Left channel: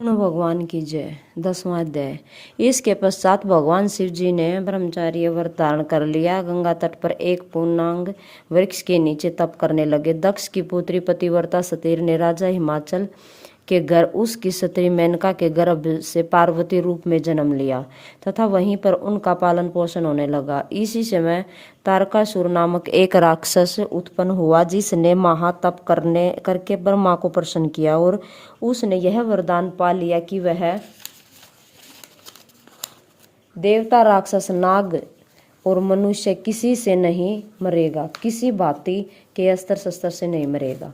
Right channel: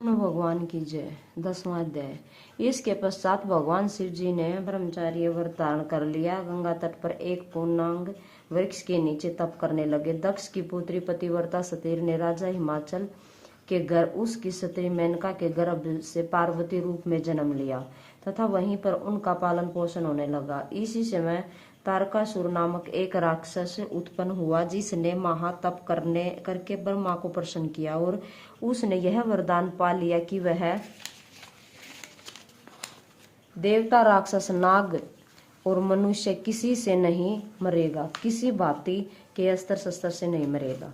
विष्णु भगवान की जय। 10वां अध्याय। इसके पश्चात भगवान शिव जी ने ब्रह्मचार्य व्रत धारण कर लिया। गंगा तट पर एक पूर्णांग वृक्ष के नीचे तप करने लगे। दक्ष की पुत्री पतिव्रता सतीर ने राजा हिमाचल के घर उसकी स्त्री मेनका के गर्भ से पार्वती रूप में जन्म लिया तथा वहीं पर उनका पालन पोषण होने लगा। इसी समय तारकासुर नामक एक राक्षस उत्पन्न हुआ जिसने महातप करके ब्रह्मा को प्रसन्न किया और उसने यह वरदान पा लिया कि वह देवता, राक्षस, नाग और मनुष्य किसी से नहीं मरेगा, किसी भांति के अस्त्र शस्त्र से नहीं मरेगा,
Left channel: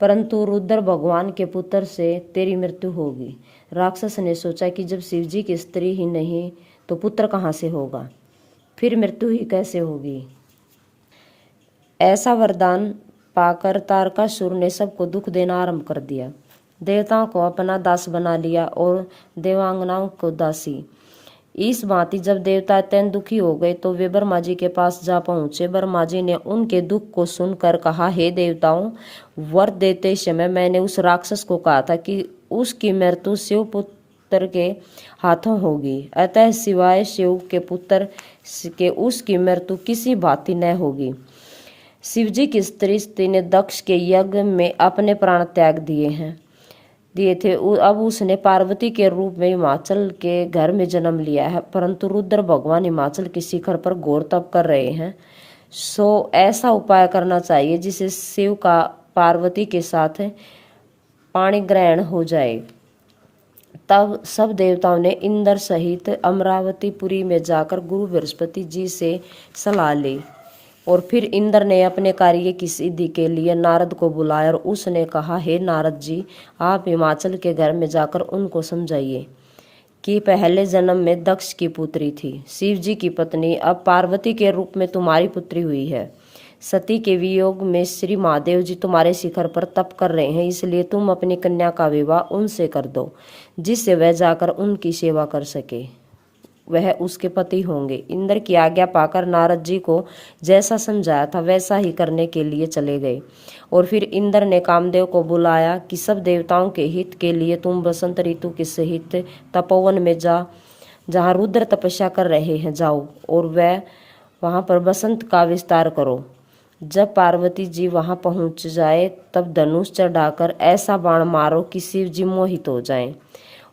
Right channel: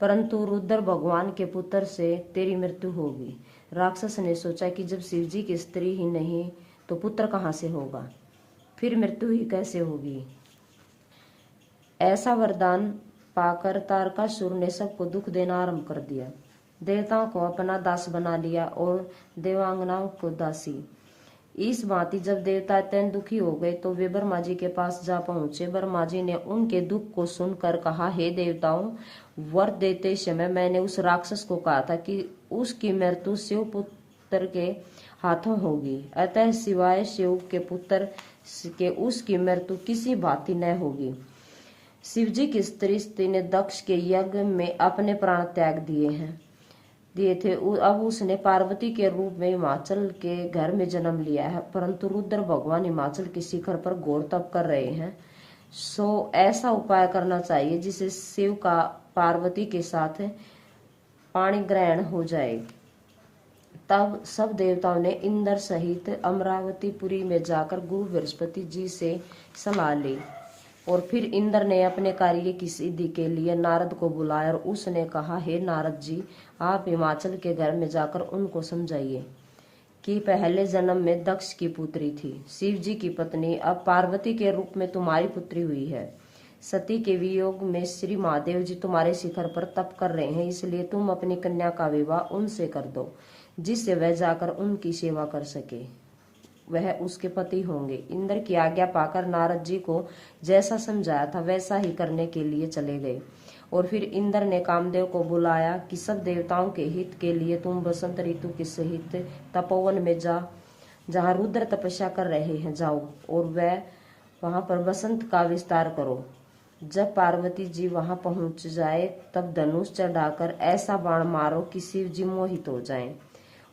परंतु रुद्र भगवान के पुत्र से तेरी मृत्यु होगी। राक्षस ने सोचा कि जब शिवजी की स्त्री ही नहीं तो पुत्र कहाँ से होगा, फिर मृत्यु ही कैसे होगी। ऐसा वरदान पाकर तारकासुर ने सबको दुख देना आरंभ कर दिया। देवताओं को अपना दास बना लिया और देवांगनाओं को दासी। इस भांति जब देवता अत्यंत दुखी हो गए तो वे ब्रह्मा जी के पास जा पहुंचे। ब्रह्मा जी ने उनके दुख को सुनकर कहा, हे देवताओं, वर देते समय मैंने उस राक्षस को कहा था कि उसकी मृत्यु शिव पुत्र के हाथों होगी, अतः सिवाय शिव के पुत्र के उसकी मृत्यु किसी भांति न होगी। शिवजी की स्त्री ने दक्ष के यज्ञ में अपने प्राण त्याग दिए थे। अब उसने पार्वती के रूप में हिमाचल के घर में जन्म लिया है, परंतु रुद्र भगवान हिमाचल के शिखर पर घोर तप कर रहे हैं। सो ऐसा उपाय करना चाहिए जिससे शिव का पार्वती के साथ पाणी ग्रहण हो जाए। तब सब देवताओं ने इंद्र सहित अमरावतीपुरी में जाकर गुरु बृहस्पति जी से सलाह ली और फिर इंद्र ने अपने कार्य की सिद्धि के लिए नारद को बुलाया और उसने कहा, हे नारद जी, आप हिमाचल के घर में जाकर उनको समझाइए कि पहले जन्म में दक्ष की पुत्री थी, शिव जी की पत्नी, अब पार्वती के रूप में तुम्हारी पुत्री हुई है। सती के वियोग में श्री महादेव जी तुम्हारे शिखर पर तप कर रहे हैं, इसलिए तुम अपनी कन्या का विवाह उनसे कर दो, जिससे वह जाकर उनकी सेवा कर सके, वह उसके पति होंगे। इंद्र की आज्ञा पाकर नारद जी को जैसा समझाया था वैसा ही करने के लिए चले गए और फिर इंद्र ने कामदेव को बुलाया कि सब देवताओं के हित के लिए तुम बसंत ऋतु के सहित तपोवन में जहाँ रुद्र तपस्या कर रहे हैं जाओ और वहाँ पर बसंत का विस्तार करो। जब पार्वती जी वहाँ पहुँच जाए तब धनुष चढ़ाकर ऐसा बाण मारो कि शिव जी मोहित हो जाएं।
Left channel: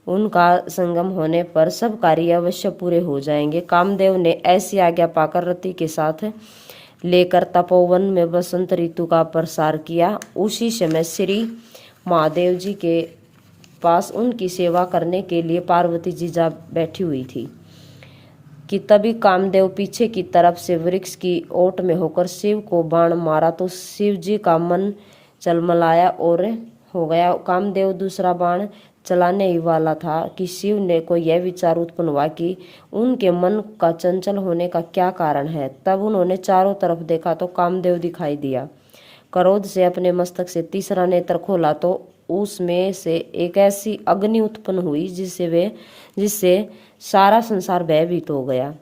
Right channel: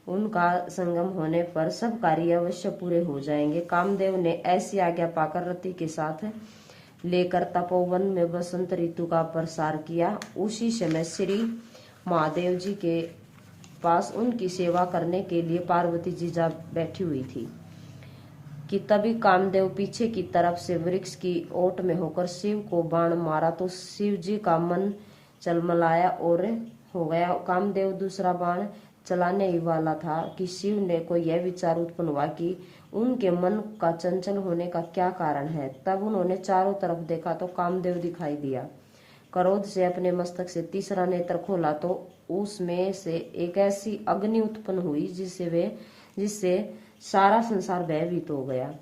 उनका संगम होने पर सब कार्य अवश्य पूरे हो जाएंगे। कामदेव ने ऐसी आज्ञा पाकर रति के साथ लेकर तपोवन में बसंत ऋतु का प्रसार किया। उसी समय श्री महादेव जी के पास उनकी सेवा करने के लिए पार्वती जी जा बैठी हुई थी कि तभी कामदेव पीछे की तरफ से वृक्ष की ओट में होकर शिव को बाण मारा तो शिव जी का मन चलमलाया और हो गया। कामदेव दूसरा बाण चलाने ही वाला था कि शिव ने को यह विचार उत्पन्न हुआ कि उनके मन का चंचल होने का क्या कारण है। तब उन्होंने चारों तरफ देखा तो कामदेव दिखाई दिया। क्रोध से अपने मस्तक से तीसरा नेत्र खोला तो उसमें से एक ऐसी अग्नि उत्पन्न हुई जिससे सारा संसार भयभीत हो गया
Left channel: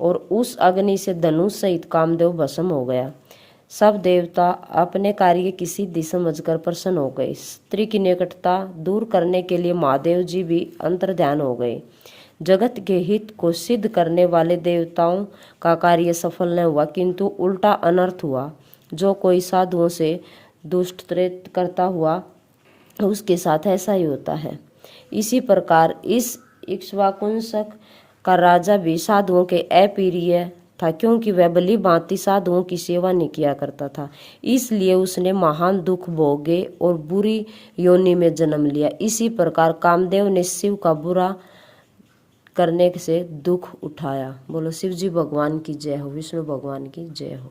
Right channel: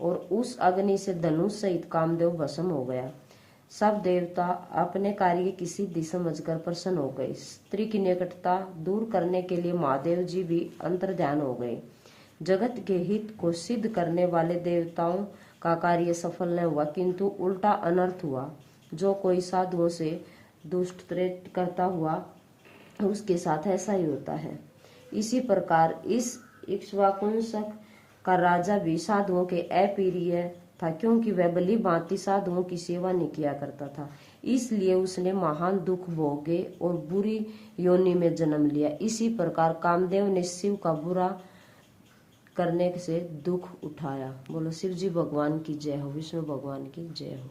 और उस अग्नि से धनुष सहित कामदेव भस्म हो गया। सब देवता अपने कार्य की सिद्धि समझकर प्रसन्न हो गए। स्त्री की निकटता दूर करने के लिए महादेव जी भी अंतर्ध्यान हो गए। जगत के हित को सिद्ध करने वाले देवताओं का कार्य सफल न हुआ, किंतु उल्टा अनर्थ हुआ। जो कोई साधुओं से दुष्कृत करता हुआ उसके साथ ऐसा ही होता है। इसी प्रकार इस इक्ष्वाकुंसक का राजा भी साधुओं के अप्रिय था, क्योंकि वह भली भांति साधुओं की सेवा नहीं किया करता था, इसलिए उसने महान दुख भोगे और बुरी योनि में जन्म लिया। इसी प्रकार कामदेव ने शिव का बुरा करने से दुख उठाया। बोलो शिव जी भगवान की जय हो, विष्णु भगवान की जय हो।